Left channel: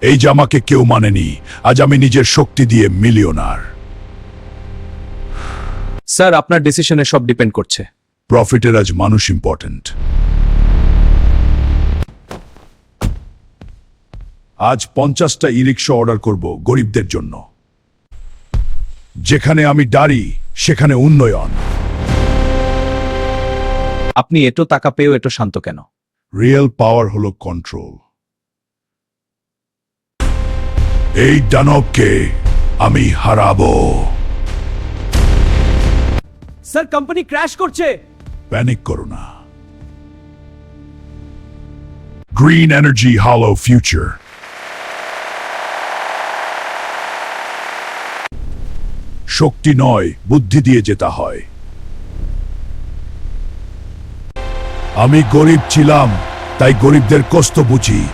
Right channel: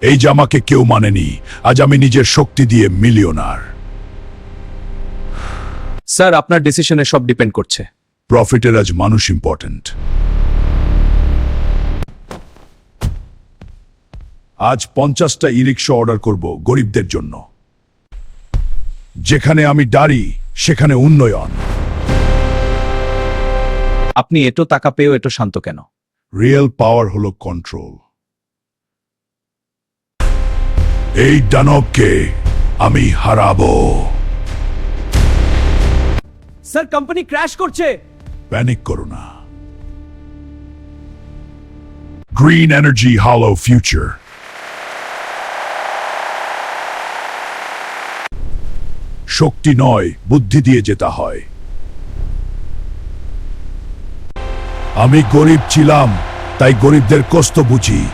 এই জামাকে কেউ মানেনি, আজ আমি নিজের শক্তি দিয়ে মিলিয়নার। স্যার, আপনার ডিসিশনে সব ডিপেন্ড করছে। প্রফিটের আজ মানুষ ইম্পর্টেন্ট। আজ 50টা ই-রিক্সা অর্ডার করব গরিবদের জন্য। যেখানে আমি দাঁড়ি সেখানে উন্নয়ন। আপনি এত টাকা পেয়েও এত শান্ত কেন? রিয়েল পাওয়ার হলো কন্ট্রোল। এই দানবকে আমি হারাবো। স্যার, কোম্পানি ক্র্যাশ করছে। প্যানিক করো না। গ্রিন এনার্জি, হলো ফিউচার। শক্তি নয়, বুদ্ধি দিয়ে যেতে হয়। আমি গরিব ছিলাম, তাই গরিবদের কষ্ট বুঝি।